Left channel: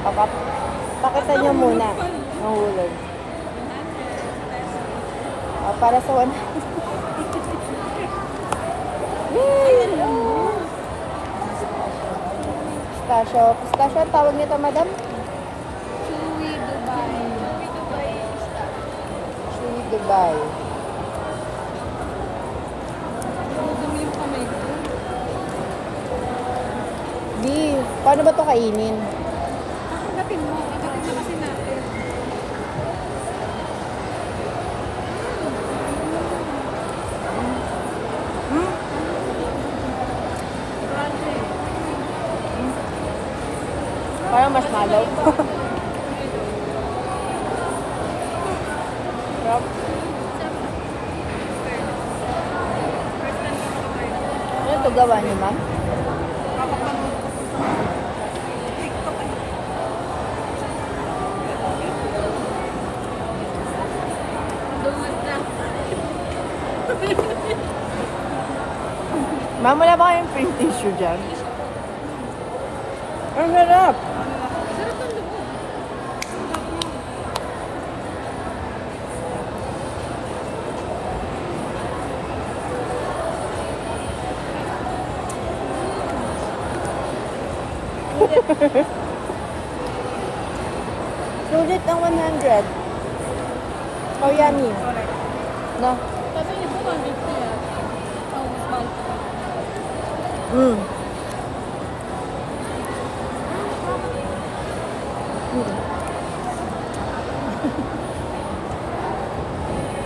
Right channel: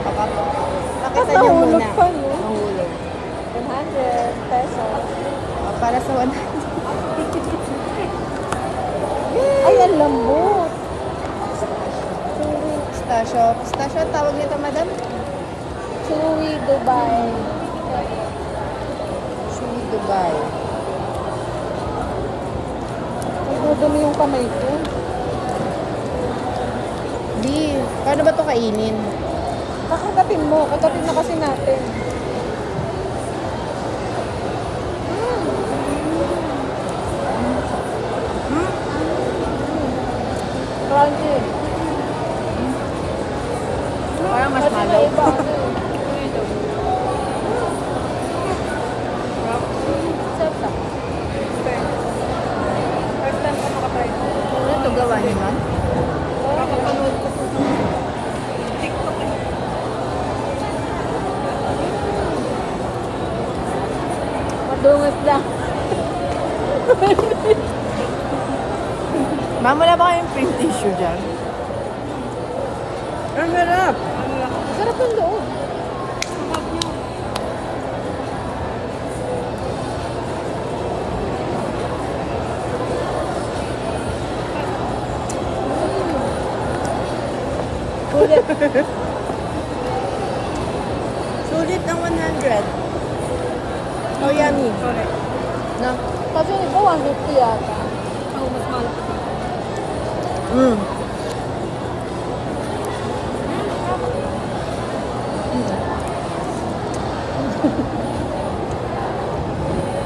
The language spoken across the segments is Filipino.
Pakita nyo muna. Pa, no? Mahulog. 100 pesos. Para sa 100. Ay, ang lambot. Pistachio. Pistachio ang tawag nito, madam? Chewy Dubai. Chewy Dubai. Dumi yung kamay ko. Di, paano ba to kainin? Kakagatin mo. Kagatin na kasi natin. Crunchy. Parang mas malaw. Ano ito gawa ni ma'am? Kakapanood ko po sa TikTok eh. Madungis ka. Ma'am, wala ba kayong pink tissue dyan? Ang sarap! Sarap yung loob. Sarap niya. Ulit. Sulit ang 100. Oh, yummy. Correct. No? Kasi ito 150 yan. Oo, mas mahal pa dito. Mm.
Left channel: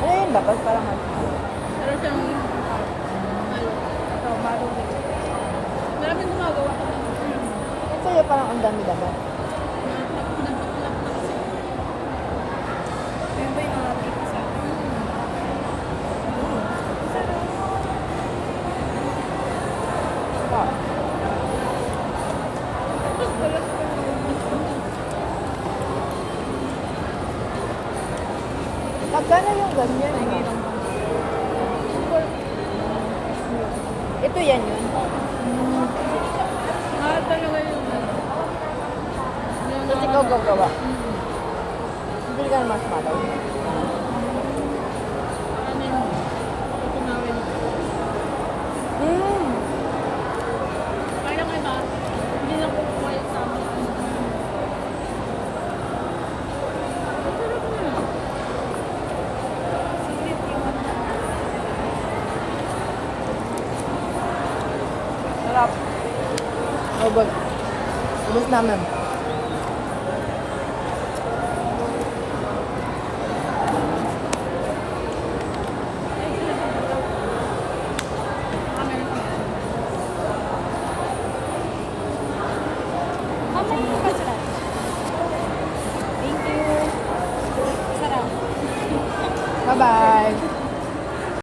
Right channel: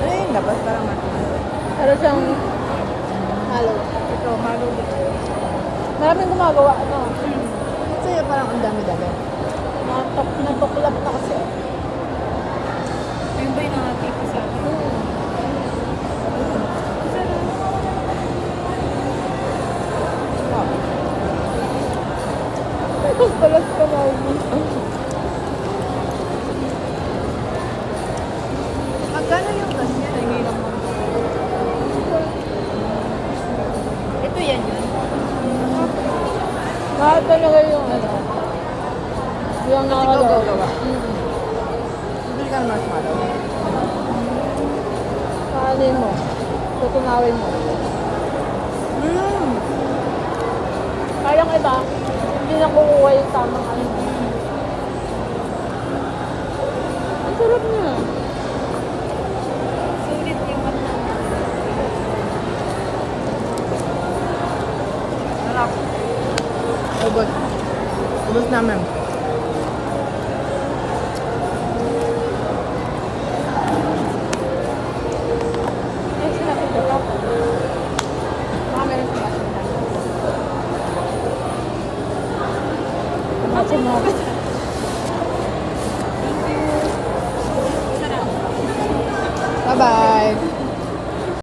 Ano yung labas? Parang matindi. Pero siyang halo. Ito, malo din. Maraming gumagawa. Ano? Kasi parang ang dami-dami. Natuklap na kasi. Ayun ba yung nakatipa sa akin? Sarap. Oh. Balas ka na ako. Magkano yung ganyan? Hindi naman. Ito yan. Mahal talaga yung ano. Yung Kasi ikaw gagawa. Mm. Hindi ka mas malaw. Kaanin mo. Tutunawin mo. Mm. Kayang iba, hindi na kukuha yung tamang ano. Ang sarap niya. Sulit yung ano. Sarap. Ubus. Ubus namin. Ay, sinabi ko lang. Mami yung sinabi. Ako mo. Thank you. Sarap. Bye-bye.